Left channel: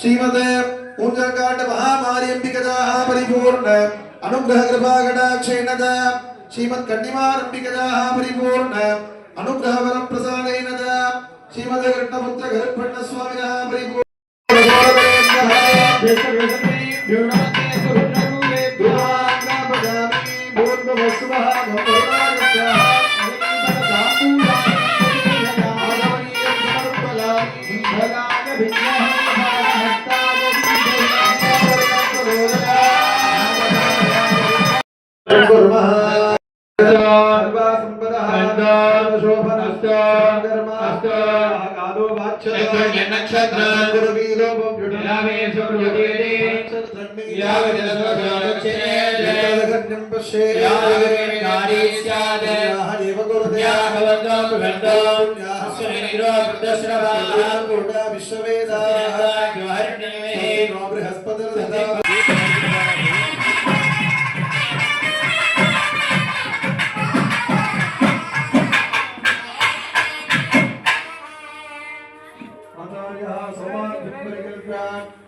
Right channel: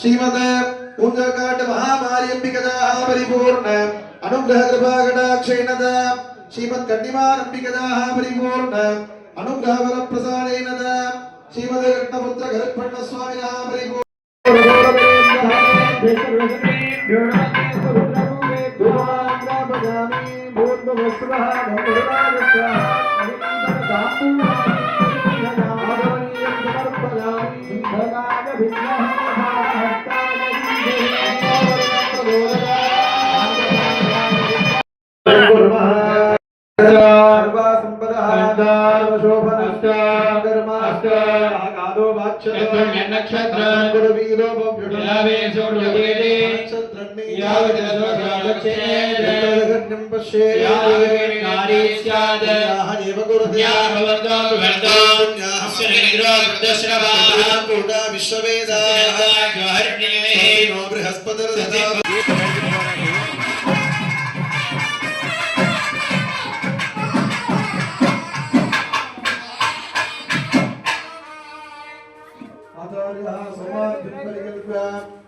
श्रीमते पूजाकांड महामार्यंबिकदा परिपूर्ण अनुग्रह कृपा कटाक्षेण श्रीमत् कन्निमारंबिकदा परिपूर्ण अनुग्रह वर प्रसादेन श्रीमते कृष्णपुत्र गरुडपट्ट स्वामिनः परिपूर्ण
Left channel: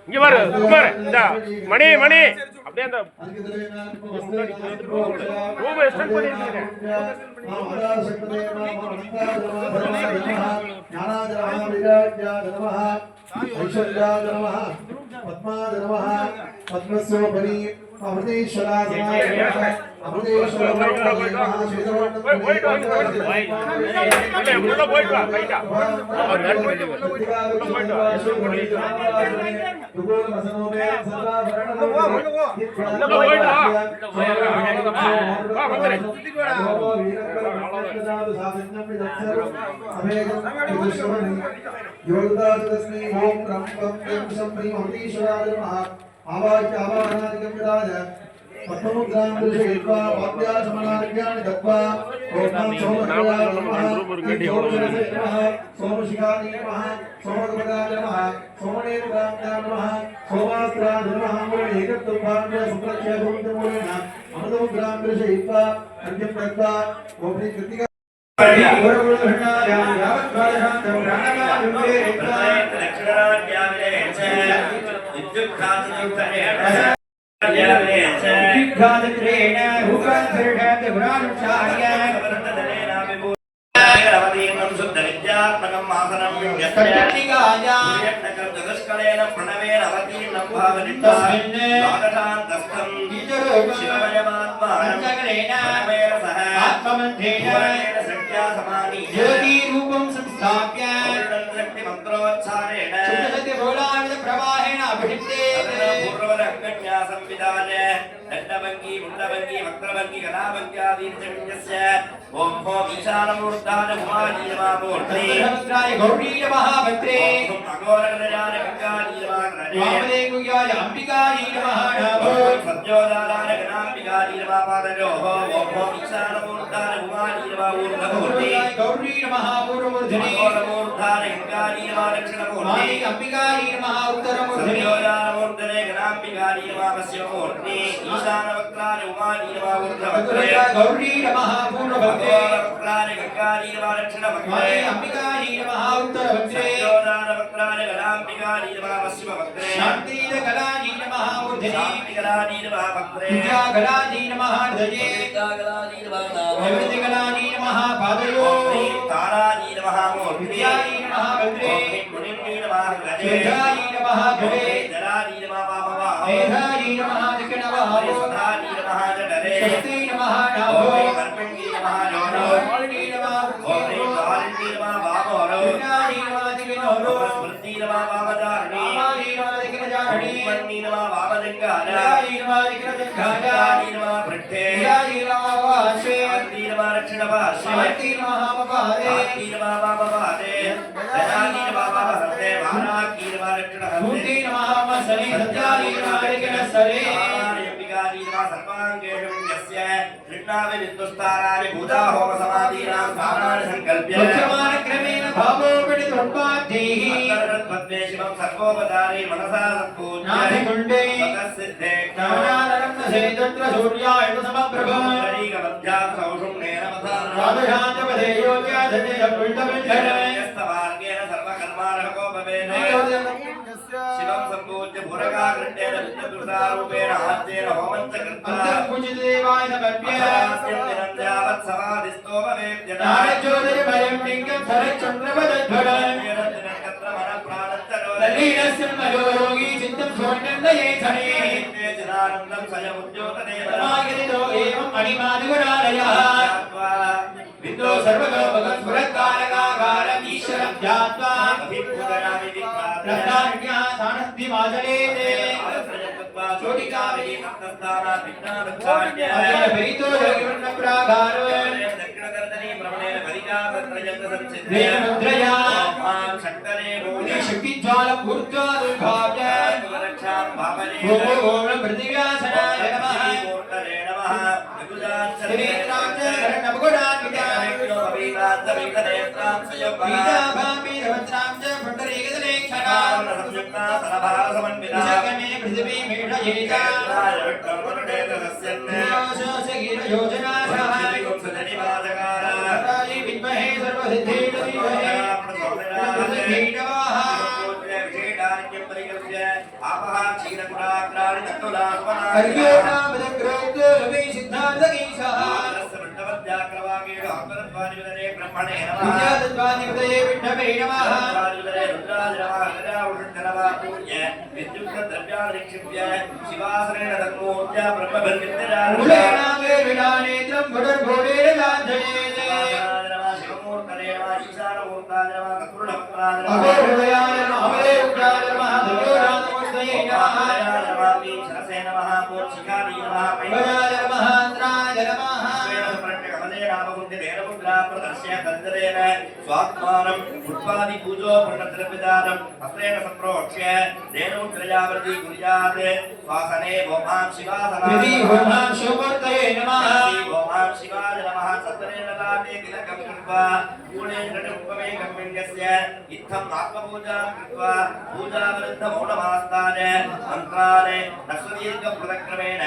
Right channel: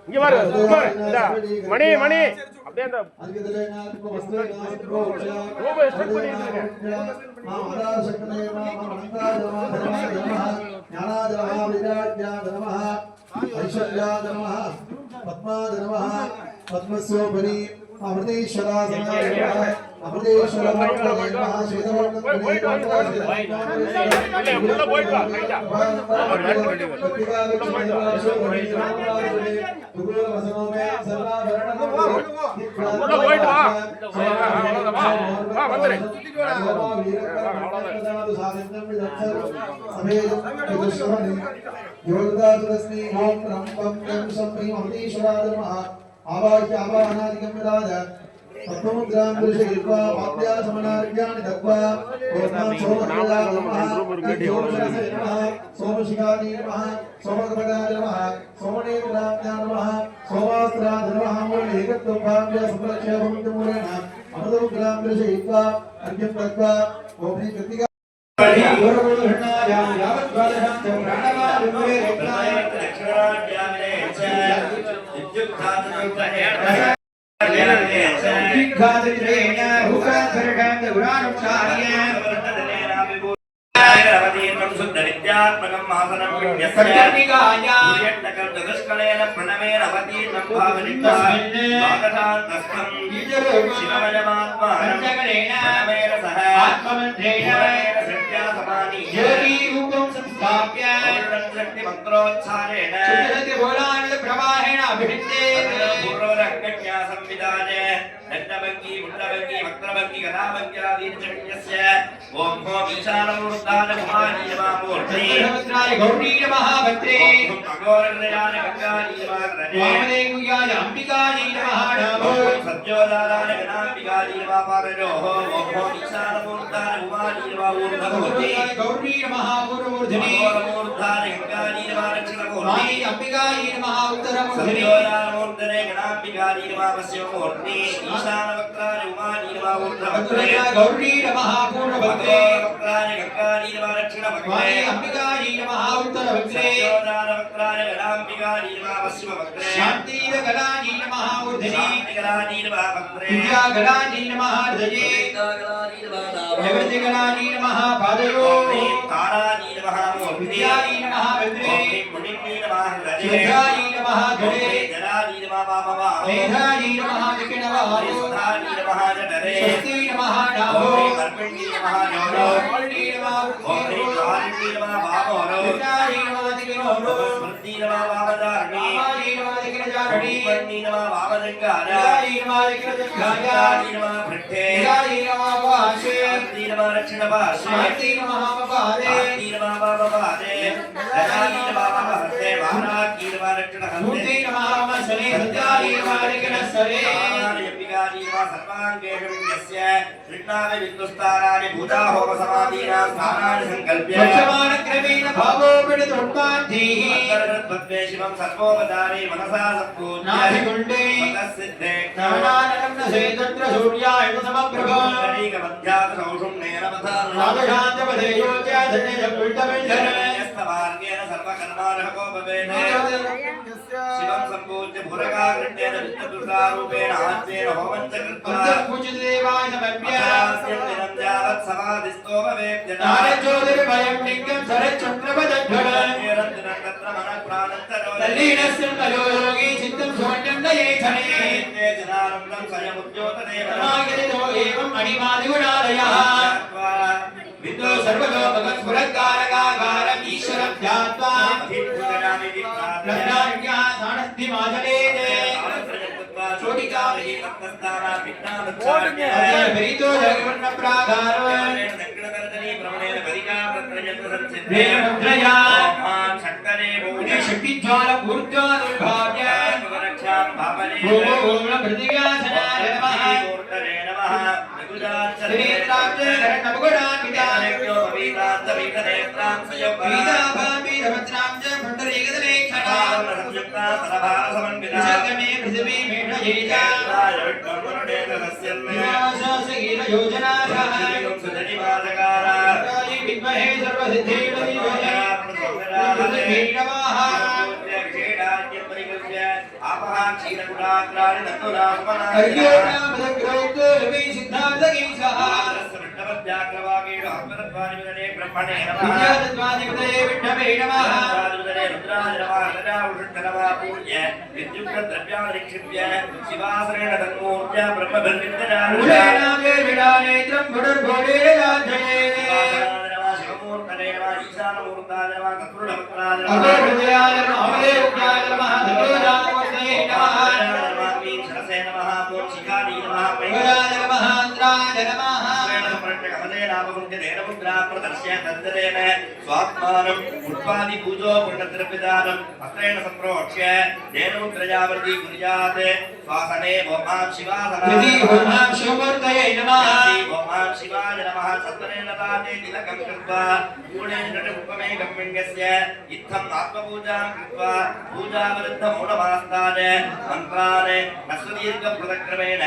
இங்க பாரு குமார் இந்த மணி மணி அப்படியே அந்த ரூம் எக்ஸ்டெண்ட் பண்ணிருக்கீங்க पद्मस्योपरि अमृतेश्वरा अमृतेश्वर आवाह्य आवाहनादिकं विदाय पद्ममुद्रां दर्शयित्वा पाद्यासमनार्घ्यानि दत्त्वा ओम सोमशिखाय नमः सोमशिखाय नमः सोमगपदाय नमः सोमनेत्राय नमः सोमास्त्राय नमः मुरलीकत्वभाव्य सुप्रक्षय भूमितमूलेन अमृतमुद्रां दर्शयित्वा अर्घ्यं दत्त्वा ओम श्री कृतिका ज्योति रूपं संस्थाप्य मंत्रोच्चारेण प्रवाहेण अभिषिक्ते पूर्वरक्कण्या संविधाने दण्डभङ्गी मुण्डभङ्गी वक्त्रभङ्गी गदाभङ्ग्यादीर्घस्य ओम ओम ईशानमूर्धान कुमारी नमः गौरी नमः भद्रे अघोरनयन गंगारी नमः वामदेव्याय अंबिकायै नमः नमो सज्जोदानाय गणाम्बिकायै नमः पादयोः ओम ओम ईशानमूर्धान कुमारी नमः ऊर्ध्वमूर्ति गौरी नमः पूर्वमूर्धने अघोरमूर्धान गंगारी नमः दक्षिणमूर्ति अंबिकायै नमः उत्तरमूर्धने सज्जोदानमूर्धने गणाम्बिकायै नमः पश्चिममूर्ति ईशानवक्त्राय कुमारी नमः ऊर्ध्वमूर्धने गौरी नमः पूर्वमूर्ति वक्त्राय गंगारी नमः दक्षिणमूर्ति अंबिकायै नमः उत्तरमूर्ति सज्जोदानवक्त्राय गणाम्बिकायै नमः पश्चिममूर्ति शान्तिगणायै नमः ऊर्ध्वने शान्तिगणायै नमः वक्त्रे विद्यागणायै नमः ऊर्ध्वने विद्यागणायै नमः निवृत्तिगणायै नमः पादयोः तारायै नमः विद्यायै नमः वक्त्रे मुनियै नमः हृदये नमः धरे जरायै नमः वामवाः मेधायै नमः विकटवाः सुधायै नमः जठरे स्वस्ति नमः नाभो कर्मण्ये नमः योनो नमः ओम ह्रीं वारिणी नमः वामोरो विद्यायै नमः दिग्नो స్మృతి నమా వామదారిణి వామదీనవాదికరజారిణి ఉపన్నీ నమా వామలింగాయ నిరాయీనవాదికరజంగాయ నమా పృష్ఠే నిరాయీనవావాసే నమా రక్షణ పాశే శాంతినమహామపాదే నమా వామపాదే గజానమా వామహస్తే వారాకీనమా రక్షణ హస్తే మూర్తినమహామసనే సత్యాయీనవాదికరసరే నమా సర్వాంగేషు యస్య కృష్ణావి విద్యుస్తారాని భూతాహోమ సమాధీనాం స్థానాని సంకల్ప్య వక్షమానక్రమేణ భావోపడితోత్పాద్ధేః అంతర్గతపద్మే శివం సర్వోపదారే మనసా సత్పూజ్య నాభికుండే స్వతఃసిద్ధే జ్ఞానానరం నసేతత్ర సూర్యాయ సమప్రభ కరీకమధ్యాత్ సౌషుమ్నేన మథాన రామశాంతపదే యోగ్యాధన్యజపుల్టవింధరే యస్తవార్గేణ సర్వకర్మారహకోపవేదే శివం సంపూజ్య భురగాగ్రండేన విద్యుద్దుర్గారూపేణ ఆద్యేన హోమం చ కృత్వా అంతఃపుజితదేవాయ సమర్ప్య అపరాస్యం దినం యావత్ సమాధిస్తోమవేద్యత జ్యోతిర్మయం లింగం సరచంద్రపదధ్వర తత్ర మన ప్రాణంతరో తల్లీనస్యన్మయో యోగి చిత్తం సువర్ణం నయేధనే జనానందం స్వయముద్యోతదేవ సమాగతితో ఏవం అణిమాదిగుణాలయః విద్యో సర్వలోకస్ఫురకారకాకారం ఈశ్వరం ధ్యాత్వా అభిభూతనామి విప్రాప్య రత్నార్ఘ్యా సానస్థిమాజలేతే చోటికామి భక్తస్థానా విఘ్నావచ్చార్య భరితో జగృణ ప్రాగారవ దక్షిణకర్తనీ భ్రమణేన పరికారత్రయత్న సంసిద్ధే వేదముద్రయా మాం శక్తరే భూయ శక్తిజ్వాల పూర్త్వానుభావ్య రక్షాం భావనే ఓం ప్రతివ్యాసనాయ నమః మూర్తరే నమః నిగుజాచరే శ్రీరామచంద్రనమగుణాన్వితాయ వీతాంతరీతనేత్రాం వీదాభామి రవత్రాంచ పుండరీకదలే క్షణా సంయుక్తా సరభార సమన్వితా విసర్గమే పృథివీ మేషయేచ యోజనాశః విద్మహే శివాసరేణ తన్మూర్త్య బ్రహ్మభిర్విద్యా నేత్రం అగోహృదయాయ నమః అమరేయుగ్యాయ నమః ధన్యోరామూర్తయే నమః భయాయ నమః అంద్రాయ నమః స్వాత్మానం పుష్పాది పూజో పుణ్యద్రవ్యదానం హస్తేన సంప్రోక్ష్య దేనముద్రయావృతి కుర్యాత్ శ్వాసనే ఓం యది ఓం శివమూర్తయే నమః ఓం శివాయ నమః సత్వరేణ దాతే తిలకం కృత్వా గుణేన ఉపమేకం విన్యస్య ఇత్థం ఆత్మపూజాం కృత్వా పూజావృద్ధ మౌనమాస్తాన మంత్రాన్ నస్వదీర్ఘ పృథక్రమేణ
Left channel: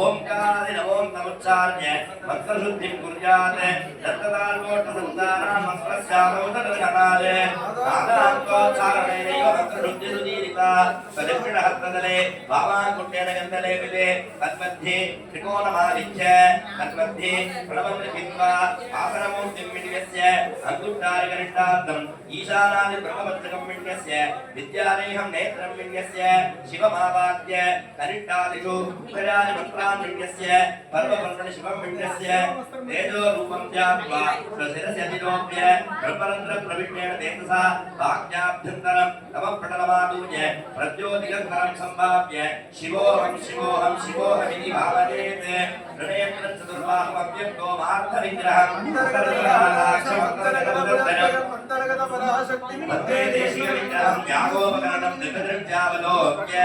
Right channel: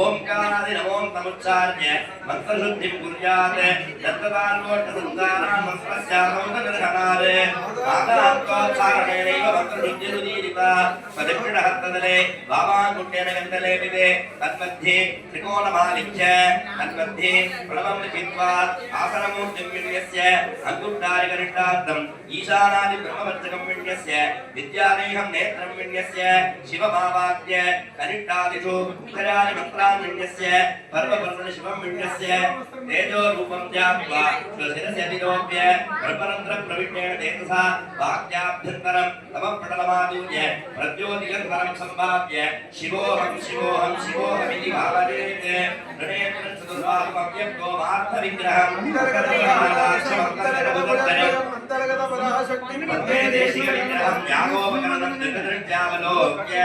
ఓంకారాది నమోం తముచ్చార్య మంత్రశుద్ధిం కుర్యాత్ దత్తదాల్కోట్ట సంతానాం మంత్రస్యాసౌదరఘనాలే ఆదాంకోచ్చారణేనైవ మంత్రశుద్ధిరుదీరిత ప్రదక్షిణహస్తదలే వామాకుండేన గంధలేపితే తన్मध्ये త్రికోణమాలిఖ్య తన్मध्ये ప్రణవం లిఖిత్వా ఆసనమూర్తిం విన్యస్య అంగుష్టారికరిష్టార్థం ఈశానాది బ్రహ్మవచ్చకం విన్యస్య విద్యానేహం నేత్రం విన్యస్య శివమావాద్య కరిష్టాదిషు ఉత్తరాది మంత్రాన్ విన్యస్య పర్వపర్వణి శివం విన్యస్య తేజో రూపం ధ్యాత్వా స్వశిరస్య విలోప్య బ్రహ్మరంధ్ర ప్రవిణ్యేణ తేజసా వాక్యాభ్యంతరం నమః పఠనమాదూయ ప్రద్యోతిగంధరం సంభావ్య శివోహం శివోహం శివోహమితి భావయేత్ రణేంద్రం చతుర్బాహుమవ్యక్తో మార్థ విగ్రహం అంతర్గత పరాశక్తి మధ్యే దేశీయ విగ్రహం యాగోపకరణం దిగదృత్యావలోక్య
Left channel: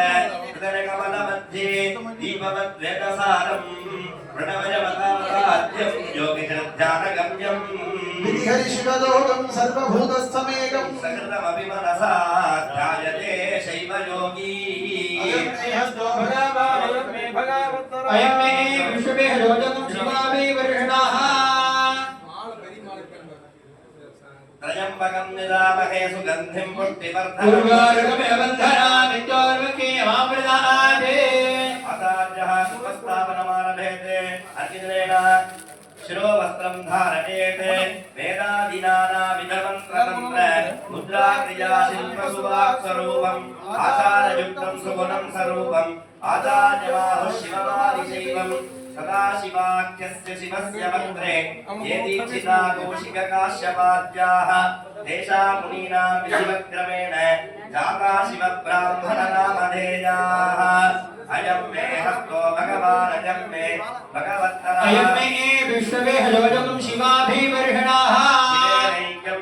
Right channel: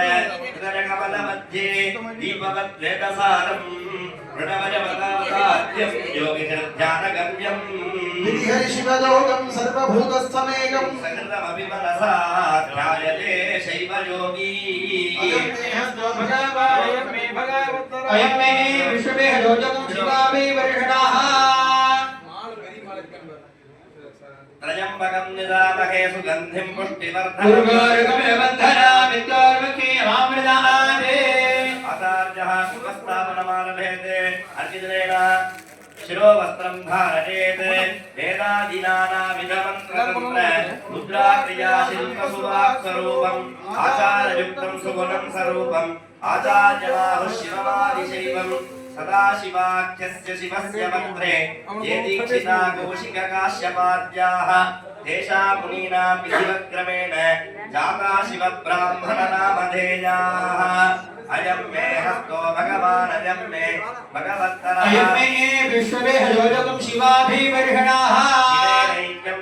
కమల మధ్యే దీపవద్వేదసారం ప్రణవయవతాసాధ్యం యోగిధ్యానగమ్యం విధిహరి శివదోగం సర్వభూతస్థమేకం సకృతమపి మనసా ధ్యాయతే శైవ యోగీ అయం మే విశ్వమే యోజకం శివామే వర్షణాః త్రయంబకం నిరామహే సుగంధిం పుష్టివర్ధనం పూర్వార్గమే వందనా విద్యోర్ముఖే అమృతాదే ఆచార్యః శుభస్థాపనమారభేతే అర్చితేన శిరోవస్త్రం ధారయేత్ వేదాదినానావిధమంత్రతంత్ర ముద్రాక్రియా శిల్పసువాక్స్వరూపం ఆచారయుక్తం సుగుణం స్వరూపం ఆచార్యమాహు శివమాదిశైవం సదాశివాఖ్యస్య శివస్య మంత్రే ఏ దీక్షితా కౌశికకాశ్యపాద్యాః तेषां मुनीनां विधिवक्रमेण जाता शिवब्राह्मणनामधेयाः अयं मे हस्तो भगवान् अयं मे भगवत्तरः अयं मे विष्णवे हयोजगं शिवाभिवर्षणाः शिवेनैक्यं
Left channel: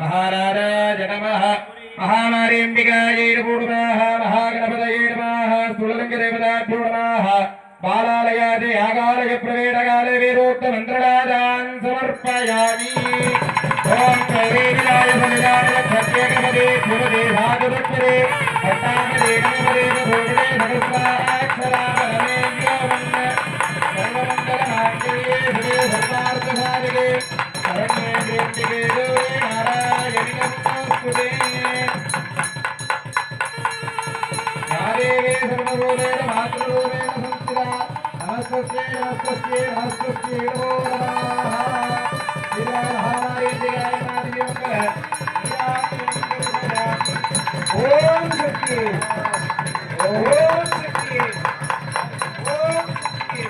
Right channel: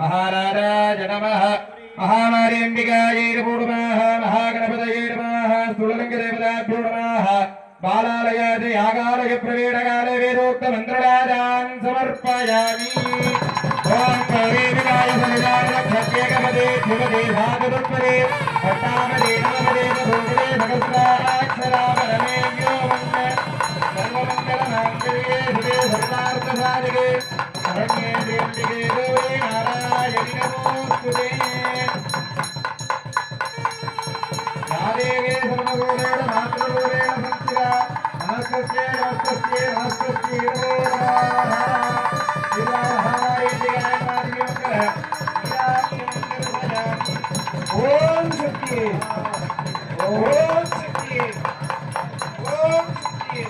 महाराज नमः महामारीम्बिकायै नमः महागणपतये नमः स्थूललिङ्गदेवताभ्यो नमः बालालयादि यागालय प्रवेदकाले वेदोक्तमन्त्रराजान् समर्पयामि ओम गौरी विदाय बलिदान प्रत्येकपदे शिवदे भागवत्पदे भट्टामदे नमदे भोगदे भगस्वाक्षरामरमे व्योमन् सर्वमङ्गलमाङ्गल्ये शिवे सर्वार्थसाधिके शरण्ये त्र्यम्बके गौरी नारायणि नमोस्तुते या देवी सर्वभूतेन मातृरूपेण संस्थिता नमस्ते नमस्ते नमस्ते नमो नमः ओम शक्ति ओम शक्ति ओम शक्ति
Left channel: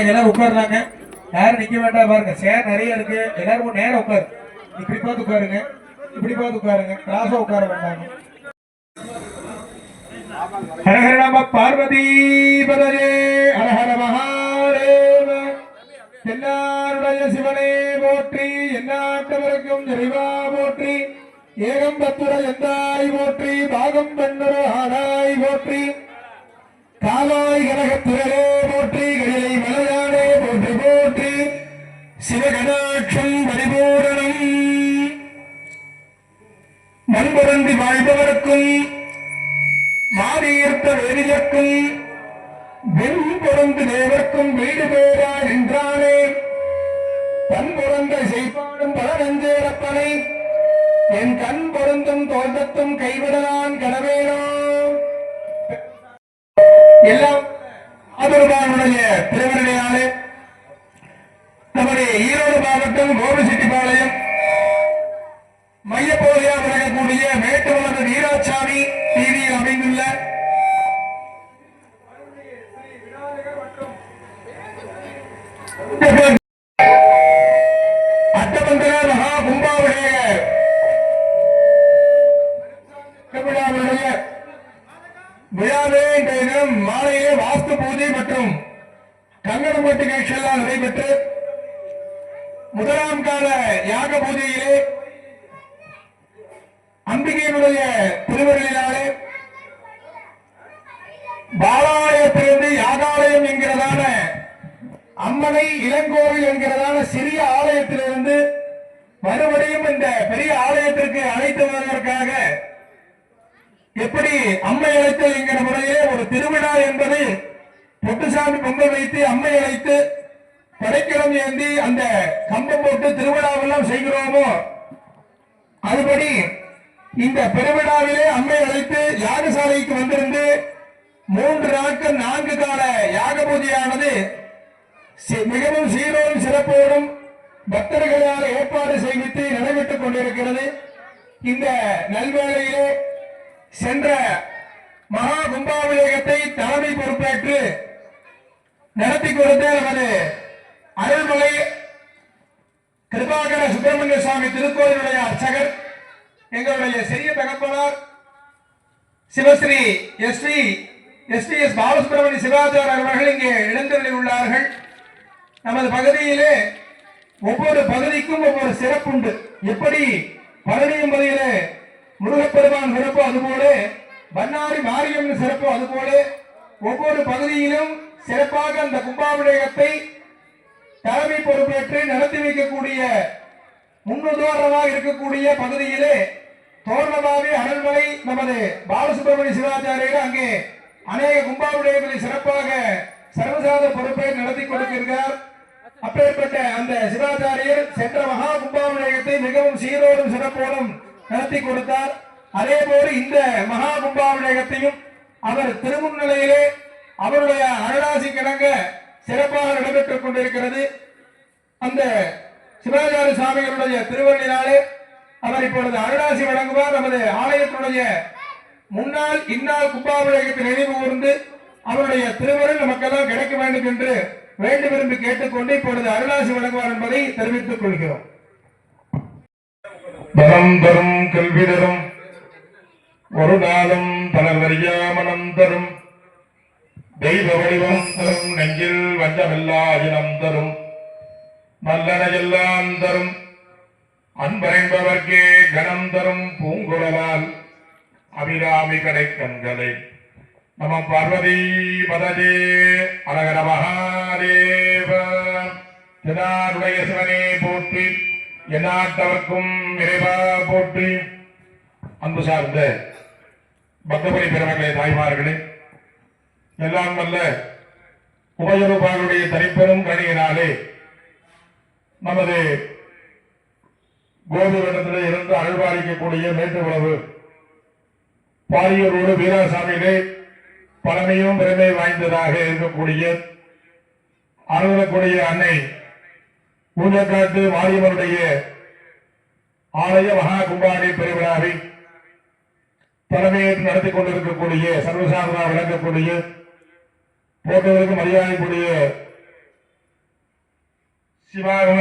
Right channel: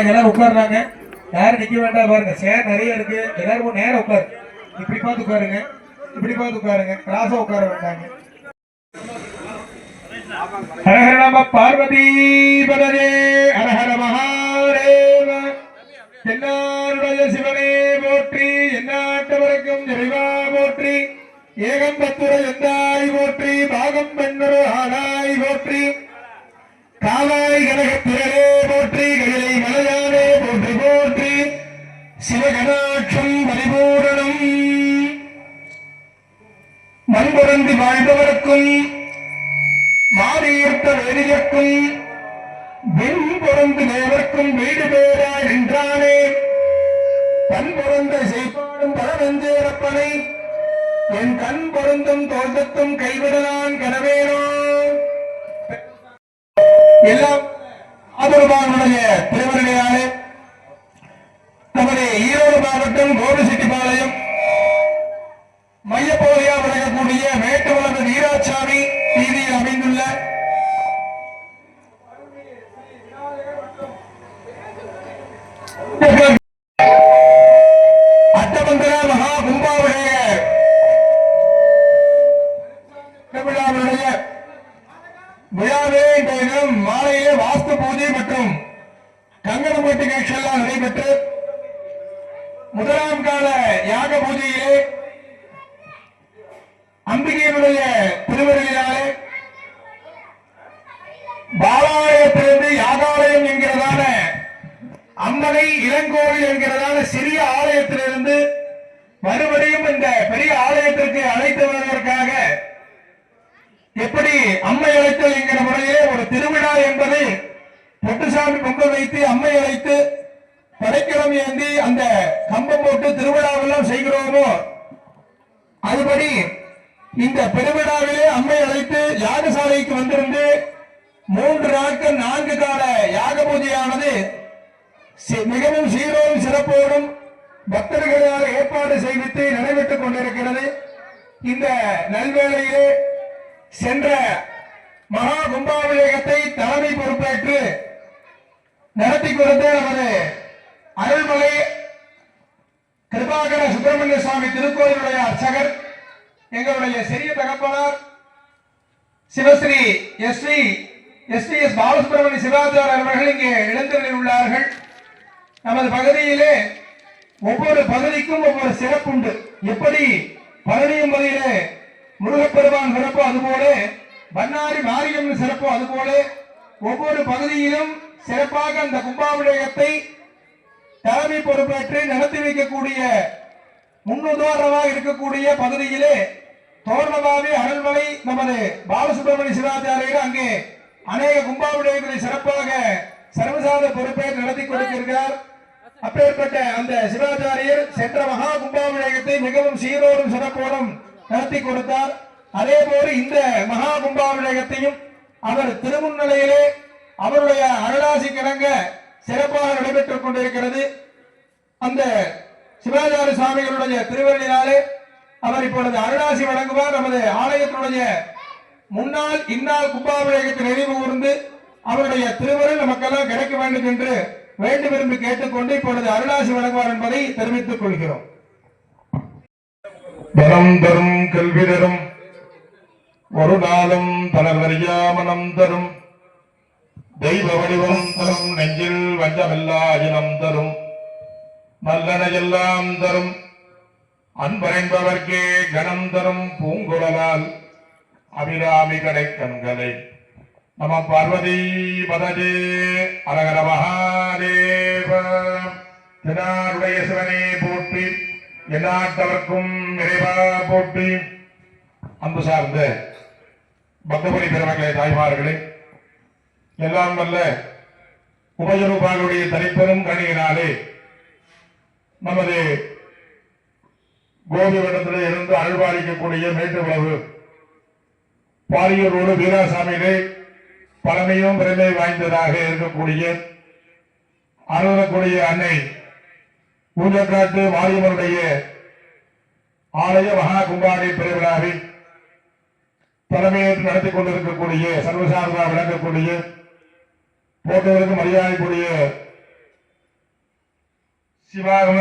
எல்லாரும் உட்கார்றாங்க. யாரும் நிக்க வேண்டாம் பாருங்க. சேர் நிறைய இருக்கு. எல்லாரும் நேரம் உட்காரு. இப்படி பார்த்து உட்காருங்க. இப்படி பார்த்து உட்காருங்க. கிராஸா உட்கார வேண்டாங்க. ஹர ஹர நம பார்வதி பதரே ஹர ஹர மகா போற்றி ஏகம்பத்துரை எந்தாய் போற்றி பாகம் பெண்ணுரு ஆனாய் போற்றி காவாய் கனகத்திரளே போற்றி கைலை மலையானே போற்றி போற்றி சிவகணாட்சம் பரிபூரணம் மண்புரந்தி வாழ்பவர்க்கும் மாறியிருத்த வேதியர்க்கும் வெண்புறந்து தேவர்க்கும் வீடு பேரா நின்றானே பண்புறந்த செய்பாடும் பழநஞ்சேரப்பனை என் கண் பொருந்தும் தோட்டத்தும் கைவிடலான் கனவேனோ எல்லாம் ஆதரவானுடைய திருவருளையாலே நமது ஈரோடு மாவட்டம் கோபிசெட்டிப்பாளையம் மையப்பகுதியாக விளங்கக்கூடிய மேட்டுவளர்ந்த வீராசாமி வீதியில் அமைந்துள்ள அட்டமந்திர மகா கும்பாவுடைய விழாவே இன்றைய தினம் மாலையிலே வாஸ்து பூஜை மற்றும் கங்கணமூர்த்தி நிகழ்ச்சி எல்லாம் நடைபெற்று முதலாம் கால யாக பூஜையிலே அம்பிகையினுடைய திருவருளினாலே பாலாலயத்திலிருந்து யாகாலயம் என்கிறதான அம்மனை இளங்கோவில் என்கிறதான சிறிய ஆலயத்திலிருந்து மறுபடியும் இந்த பெரிய ஆலயத்திற்கு அழைத்து வருவதற்காக எப்படி அம்மை அழைத்தல் என்கிற முறையிலே ஒரு திருவிழா என்பது பொட்டுசாமி பொங்கல் வைத்து அம்மை அழைத்து கடைக்கிழமை ஏந்தி அந்த கம்பம் போட்டு திருவிழாவெல்லாம் செய்கிறோமோ அதுபடி இந்த பெருவிழாவிலே அம்மை அழைத்து யாகசாலைக்கு வந்திருந்து 3 நாட்கள் 4 கால யாக பூஜையானது மிகவும் சீரோடும் சிறப்போடும் பக்தர்களால் ஏற்பாடு செய்வித்து நடைபெற்றுக் கொண்டிருக்கிறது. இந்த நல்வேளையிலே சென்ற மகா கும்பாபிஷேகத்தை தலைமை பொறுப்பேற்று நடத்தி கொடுத்து நமது அருள்மலை கிருபாகர சுப்பிரமணிய சுவாமி திருக்கோயிலுடைய அர்ச்சகர் எங்களுடைய சிறிய தகப்பனார் சிவஸ்ரீ எஸ் பாலசுப்பிரமணிய சிவாச்சாரியர் அவர்கள் இங்கே இளந்தரில் உள்ளார்கள். நமது பகுதியிலே ஒவ்வொரு பகுதிக்கும் ஒவ்வொரு சிறப்புண்டு. எப்படி பழனியும் பகுதியிலே முருகப்பெருமான் சிறப்பு அதுபோல பன்னாரி மாரியம்மன் சிறப்பு அதுபோல ஒவ்வொரு பகுதியிலும் சிறப்பாக அந்த கும்பாபிஷேகத்தை தலைமை பொறுப்பேற்று நடத்தி வைக்கக்கூடிய முன்னுதாரணமாக இருக்கக்கூடிய பகுதியிலே தோரணமாவி அனல்மலை நமது பாலசுப்பிரமணிய சிவாச்சாரியர் அங்கே அநேக கும்பாபிஷேகங்களை சிறப்பாக சர்வசாத பொறுப்பேற்று நடத்தி கொடுக்கிறார். அப்பேற்பட்ட அந்த சிவாச்சாரியர் சென்ற மகா கும்பாபிஷேகத்தை மிகவும் சீரோடும் சிறப்போடும் நடத்தி கொடுத்தார். அதே போல இந்த மகா கும்பாபிஷேகத்தையும் அவர் திருமுன்னிலையிலே அவருடைய அருளாசி கிடங்க சிறப்பாக நடைபெற்றுக் கொண்டிருக்கிறது. அந்த சிவாச்சாரிய சுவாமிகளுடைய திருவருளினாலே அவர் இப்பொழுது அருளாசி வழங்குவார். நமது ஆலயத்தினுடைய முன்னாள் இந்நாள் கும்பாபிஷேகத்தை நினைவு கூர்ந்து அவருடைய திருவருள் நமக்கெல்லாம் கிடைக்க வேண்டும் என்று வேண்டு விரும்பி கேட்டுக்கொண்டு இப்பொழுது அருளாசி வழங்குவார் என்பதை தெரிவித்துக் கொள்கிறோம். தரம் தரும் கல்வி தரும் ஒரு நாளும் தளர்வறியாமனம் தரும் தெய்வ வடிவம் தரும் நெஞ்சில் வஞ்சமில்லா இனம் தரும் நல்லன எல்லாம் தரும் அன்பரைந்தவர்க்கே கணம் தரும் பூங்குழலால் அபிராமி கடைக்கண்களை நம பார்வதி பதஜே அரகர மகாதேவ. திருநாருடைய சிவனே போற்றி, எந்நாட்டவர்க்கும் இறைவா போற்றி. அன்பு சார்ந்த பக்தபுரி பெருமக்களே, தாய்மார்களே, எல்லாம் வல்ல உபயரூபாளுடைய தனிப்பெரும் கணியினாலே நமது கோபிவட்டத்திலே இருந்து அருள்பாலிக்கக்கூடிய மேட்டுக்குளவு பாரியூரோடு வீராசாமியிலே பழமையும் பெருமை வாய்ந்ததாக இருக்கக்கூடிய அருளக்கூடிய அன்னை ஊழக்காட்டு மாரியம்மனுடைய ஆலய மகா கும்பாணி பெருவிழாவில் தலைமையேற்று நடத்தி கொண்டிருக்கக்கூடிய சர்வசாதாரண விளங்கக்கூடிய போட்டதற்கு மரியாதைக்குரிய சிவாகம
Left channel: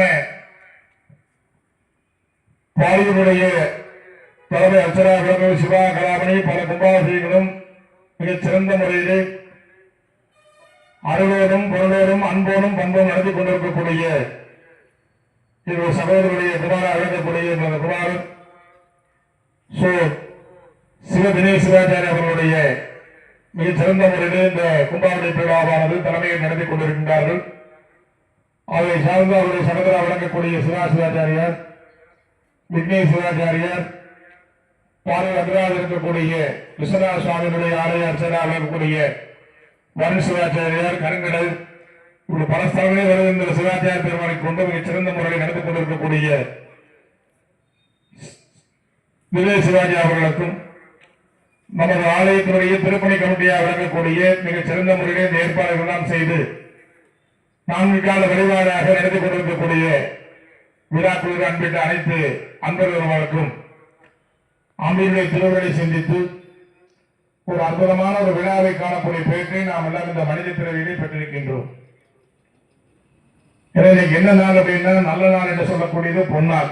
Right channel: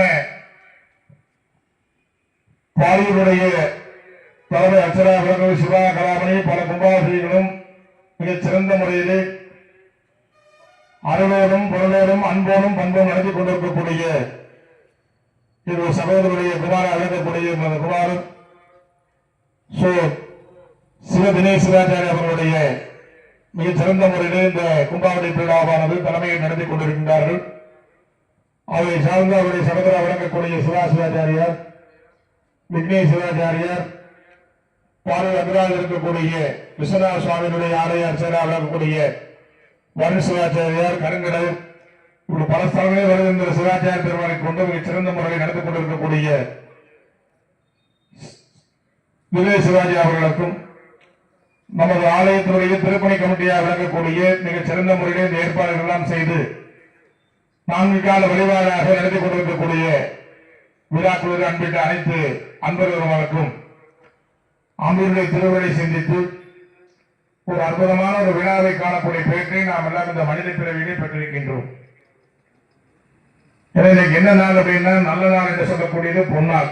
பாரியூருடைய தலைமை அர்ச்சனா விளங்கும் சிவா கலாமணி பல கும்பாபிஷேகங்களும் மிகச் சிறந்த முறையிலே அருளோடும் பொருளோடும் அன்போடும் பண்போடும் நடத்தி கொண்டிருக்கக்கூடிய இரு சகோதரருடைய குமார அழைக்கக்கூடிய குமாரன் ஸோ தினேஷ் சிவாச்சாரி அவர்களுடைய மிகச் சிறந்த முறையில் இந்த கும்பாவளி திருவிழாவானது தலைமையை நடத்தி கொண்டிருக்கின்றார்கள். அவரை சார்ந்து அவருடைய சகோதரா வழங்கக்கூடிய சிவாச்சாரியார், விக்னேஷ் சிவாச்சாரியார், பார்வை அந்தராக இருக்கக்கூடிய விஸ்வநாத சுவாமியினுடைய ஆலயார் செயலாளர் இருக்கக்கூடிய வருண் சிவாச்சாரியார், கருங்கடல், இப்படி பல ஸ்தலங்களில் வருகின்ற சிவாச்சாரிய பெருமானை கொண்டு மிகச் சிறந்த முறையில் நடத்தி கொண்டிருக்கக்கூடிய விவேக் சிவாஜி அவர்களுக்கும் நமது ஆலயத்தினுடைய திருப்பணி கமிட்டியாக விளங்கக்கூடிய மிகச் சிறந்த முறையில் இந்த ஏற்பாடுகள் எல்லாம் செய்து 4 கால வழிபாடாக நடத்தி கொண்டிருக்கக்கூடிய விழாக்குழு அன்பிட்ட அனைத்து அன்பர்களுக்கும் அமீருடைய திருவள்ளை சிந்தித்து ஒரு அற்புதமான ஒரு விழாவை காணக்கூடிய பேற்றை நாம் எல்லாம் இந்த மனித பிறவியிலே பெற்றிருக்கின்றோம். எனவே என்ன நாள் அப்படின்னா நல்ல நாள் என்று சொல்லக்கூடியது பொன்னாள்,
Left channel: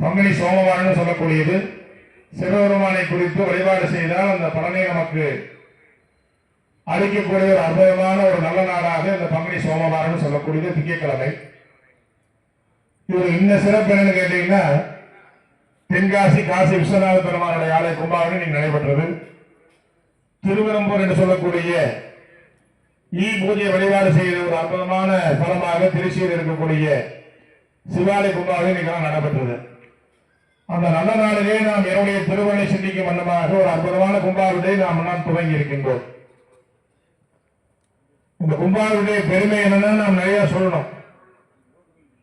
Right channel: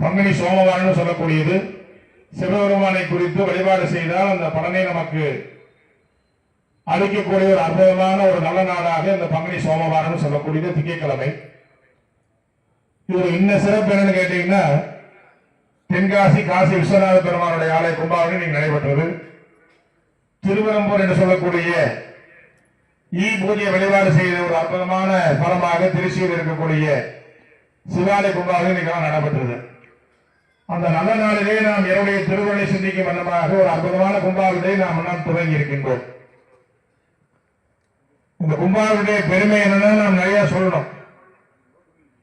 பங்குனி சோமவாரம் சொல்லக்கூடியது. சிவபெருமானை குறித்து வழிபாடு செய்தால் அந்த பலனை நமக்கு அளிக்கக்கூடிய ஒரு அற்புதமான ஒரு நல்ல நாளாக இந்த பங்குனி சோமவாரம் சொல்லக்கூடியது திங்கட்கிழமை. இது இன்ன சிறப்பு என்னன்னு கேட்டீங்கன்னா, தென்காசி காசி விஸ்வநாத பெருமானுடைய ஆலய கும்பாவளி நீங்க நடைபெற்றது. திருவரம்பூர் என்று சொல்லக்கூடிய பூஜை வழிபாடு செய்த ஒரு அற்புதமான தலமாக திருச்சியில் இருக்கக்கூடிய சிவாலய கும்பாவளி நீங்க நடைபெற்றது. அந்த நல்ல நாளிலே நாம் என்னுடைய திருவள்ளை சிந்திக்கும் வண்ணமாக ஒரு அற்புதமான கும்பாவளியை நாம் துவங்கி இருக்கின்றோம். இந்த கும்பாவளியுடைய பெருமை என்னன்னா நாம் நிறைய சொல்லணும்.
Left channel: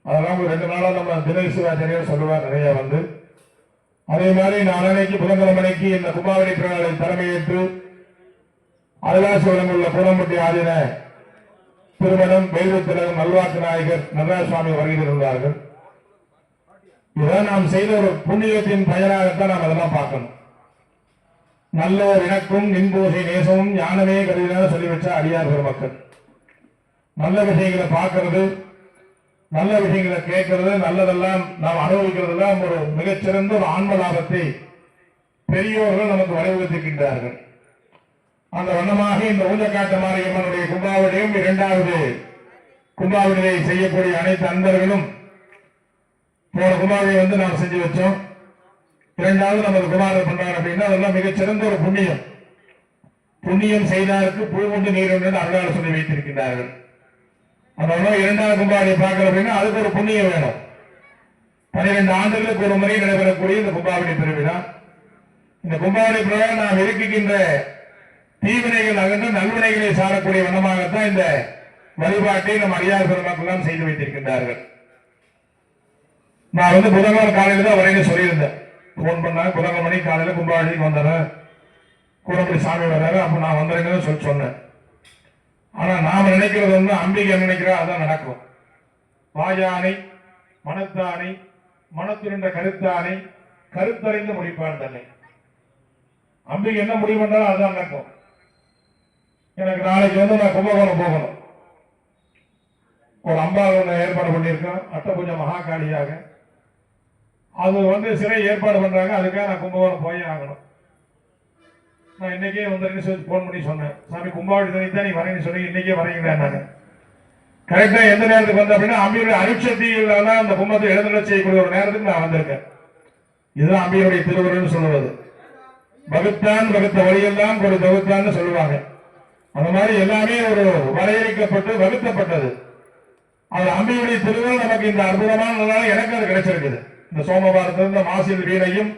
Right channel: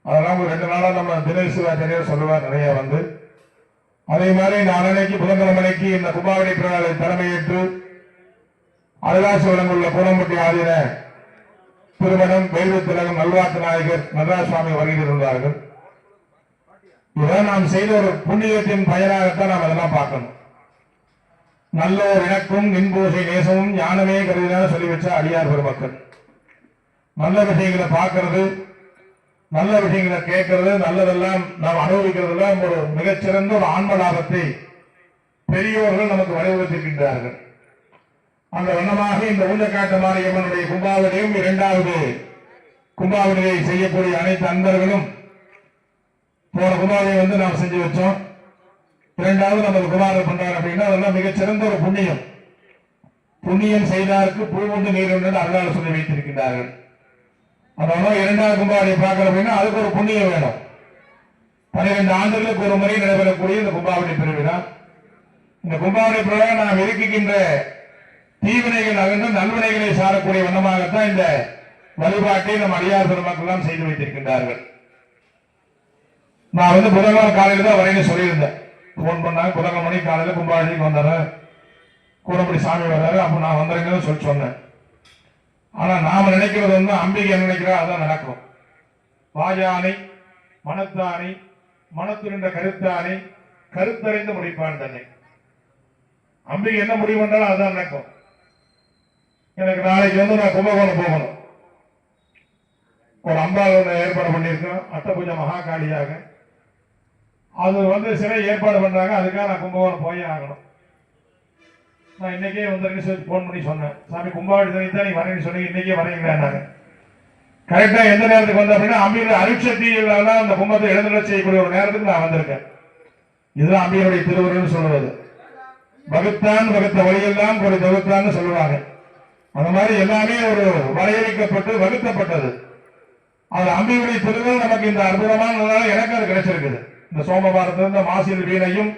அதெல்லாம் ஒரு 2 நாளா நம்ம தினேஷ் சிவாச்சாரியார் சொல்லுவார் நிறைய வந்து. அதே மாதிரி நாளைக்கு புதன்கிழமைக்கு இந்த கும்பாவளி பிறநாளை தலைமையேற்று அருளாசி வழங்குள்ள கூடம்பட்டி ஆதீன திருமணம் வேல்வு திலகம் நல்வாக்கு நாயகர் நடராஜ சுவாமி வருகை இருந்தார்கள். இதான் நாம் செய்த ஒரு புண்ணியத்தின் பயனாகத்தான் நாம் அதெல்லாம் பார்க்கணும். நல்ல ஒரு இணக்கும் நின்பூசை நேசமும் ஞானமே கருதினால சொல்லி வச்ச அடியார் பெருமக்கள். நல்ல விஷயங்களை பார்க்கறது, நல்ல விஷயங்களை கேட்கறது, நல்லதெல்லாம் நாம் அனுபவிக்கிறதெல்லாம் ஒரு மிகச்சிறந்த ஒரு ஆன்ம லாபத்தை பெரியோர்கள் நமக்கு வலியுறுத்திருக்கின்றார்கள். அந்த வண்ணமாக இந்த ஊஞ்சக்காட்டு மாரியம்மனுடைய கும்பாவளியும் 2வது கும்பாவளியை செய்யக்கூடிய அனைத்து அன்பர்களும் போன குமாரியை வந்து நாம் செஞ்சு வச்சோம். 2வது நமது குமாரர் பண்றாங்க அப்படின்னா அதெல்லாம் மிகச்சிறந்த ஒரு புண்ணியம். புண்ணியம் செய்தாருக்கு பூ உண்டு நீர் உண்டு அருளால் சொல்லி வைத்திருக்கின்றார்கள். அதனால 2வது கும்பாவளியை பார்க்கணும் அப்படின்னா அதுக்கு ஒரு புண்ணியம் வேணும். 12 ஆண்டுகளுக்கு ஒரு முறை நடைபெறக்கூடிய இந்த கும்பாவளி பெருவிழா. இந்த கும்பாவளி பெருவிழா நாம் இருக்கின்ற தீவினைகள் அகன்று நல்வினைகளை சாரக்கூடிய வண்ணமாகத்தான் இந்த வழிபாட்டை நம் அடியார் பெருமக்கள் எல்லாம் செய்து வைத்திருக்கின்றார்கள். நான் வந்து புதன்கிழமை காலையில தான் வரையில சொல்லியிருந்தேன். போன் பண்ணாங்க, புதன்கிழமை மணி காலையில கும்பாவளிக்கு வந்துடுறேன், கூடப்படி சாமி வர்றாரு, அப்ப நான் வந்துடுறேன்னு சொல்லி சொன்னேன். ஆனா நாம நினைக்கிறது வந்து அம்பிகை என்ன நினைக்கிறா அதான் நடக்கும். வாயானை மனத்தானை மனத்திருந்த கருத்தானை கருத்தறிந்து முடிப்பான் தன்னை. அம்பிகை என்ன முடிவு பண்ணாலும் அதுதான் நடக்கும். எனக்கு நாளைக்கு வந்து நான் கும்பகோணம் போகணும். ஒரு அம்பாள் ஏற்பாடு பண்ணியிருக்கோம், அட்டபூஜை மகாகாளியாக. அது வந்து சிறை ஏற்பாடு பண்றாங்க, அதுக்காக நான் கும்பகோணம் போயே ஆகணும். நான் இன்னைக்கே வந்து போன் பண்ணி சொன்னேன், சாமி கும்பாவளி தான் நீங்க வரேன்னு சொன்னீங்க, இன்னைக்கே வரீங்களா? கரெக்டா எந்த நேரத்துக்கு வந்த அப்படின்னா அம்பியுடைய அருட்சக்தியில அந்த கும்பத்தை எழுந்தருள செய்யக்கூடிய ஒரு நேரத்துக்கு நான் வந்திருக்கேன். இதுதான் அம்பியுடைய திருவுருன்னு சொல்லுவது. வகுத்தான் வகுத்த வழியெல்லாம் ஒரு தகுத்தான்னு சொல்லுவாங்க. அந்த மாதிரி எல்லாமே ஒரு வரையறுக்கப்பட்டு வகுத்தப்பட்டது. அது அம்பியுடைய திருவுருள் நமக்கு இந்த அற்புதமான எனக்கு அது கிடைச்சிருக்குது. இந்த சோமவாரத்திலிருந்து மாசில் வீணையும்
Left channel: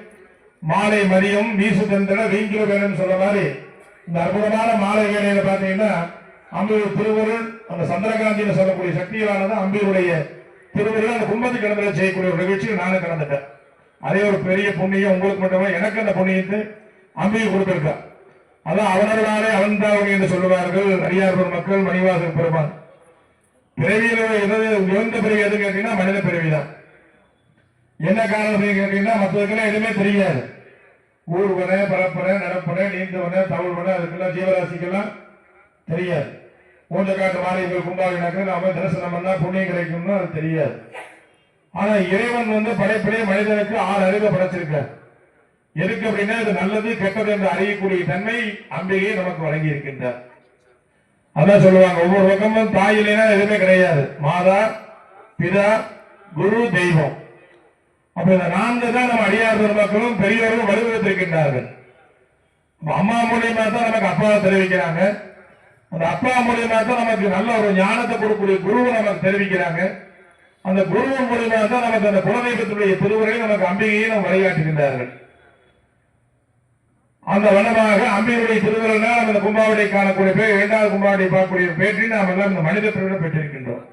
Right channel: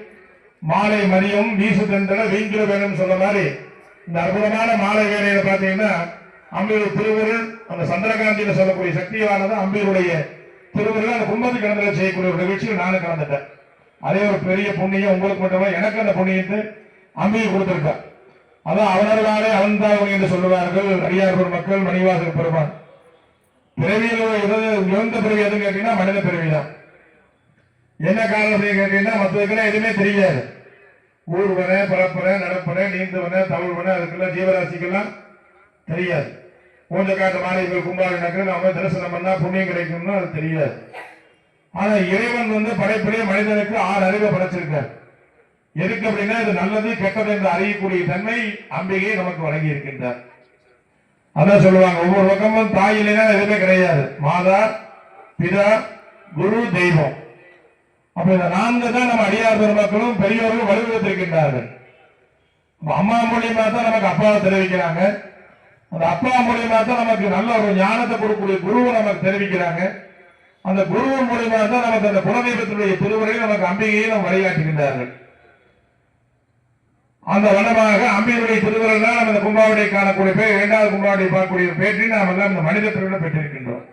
மாலை மதியம் வீசு தந்தன வீங்கில வேணும் சொல்ல மாதிரி இந்த அற்புதமான மாலை வேலையில பாத்தீங்கன்னா அம்பியுடைய திருவுருள் அந்த சந்திரகாந்தியில சொல்லக்கூடிய சக்தியானது அம்பியுடைய திருவுருள் அந்த கும்பத்துக்கு கிளம்புல செய்யக்கூடிய ஒரு நிகழ்ச்சியில் நானும் கலந்துட்டேன். அதே ஒரு பெரிய புண்ணியம் உங்களுக்கு மட்டுமே, எனக்கு அந்த புண்ணியத்தை அம்பியை கொடுத்திருக்கா. அதான் அவனர்களாலே அவன்தாவணி என்று சொல்லுவார்கள் அடியார் பெருமக்கள், மணிவாசல் பெருமான். பிறவியில் எந்த பிறவி எதுன்னு கேட்டீங்கன்னா மனித பிறவிதான். என்ன காரணத்தை கேட்டீங்கன்னா மற்றதுக்கெல்லாம் எதுவுமே தெரியாது. ஊர்வன பரப்புற நடப்புற நீந்துவன தவிழ்வன அதுக்கெல்லாம் ஜீவராசிக்கெல்லாம் தெரியாது. மூஞ்ச காட்டு மாரியங்கள் கும்பாவளி நாம தரிசனம் பண்ணா புண்ணியம் கிடைக்கும்னு அது தெரியாது. ஆனா இறைவன் வந்து படைப்பிலே மனிதனுக்கு 6 அறிவை படைச்சிருக்கார். எதுக்கு அப்படின்னா இது நல்லது கெட்டது என்று அறியக்கூடிய தன்மை அம்பிகை நமக்கு வழங்கி இருக்கின்றார். அதான் சொல்லுவாங்க, ஒவ்வொரு பக்கமும் தாயிலேனா எதுவுமே கிடையாது. மாதா பிதா குரு தெய்வம் அப்ப இந்த 4 தான் நம்ம அடியார் பெருமக்களும் பெரியவர்களும் வலுவூத்திருக்கின்றார்கள். அம்மா மூலியமா தான் நமக்கு அப்பாவை தெரிவிக்கிறாங்க. அந்த அப்பா மூலியமா தான் நமக்கு நல்ல ஒரு ஞானத்தை கொடுக்கக்கூடிய குருவை நமக்கு தெரிவிக்கிறாங்க. அந்த குருவின் மூலியமா தான் நமக்கு அந்த குலதெய்வத்துடைய திருவுரையை நமக்கு அம்பிகையை நம்ம வழிகாட்டுகின்றார்கள். அந்த வண்ணமாக அம்பிகையுடைய திருவுரைனா நம்ம இந்த கும்பாவளை காணக்கூடிய பேர் 2வது கும்பாவளை பார்க்கக்கூடிய பேற்றை நாம் எல்லாம் இந்த மனித பிரிவில் பெற்றிருக்கின்றோம்.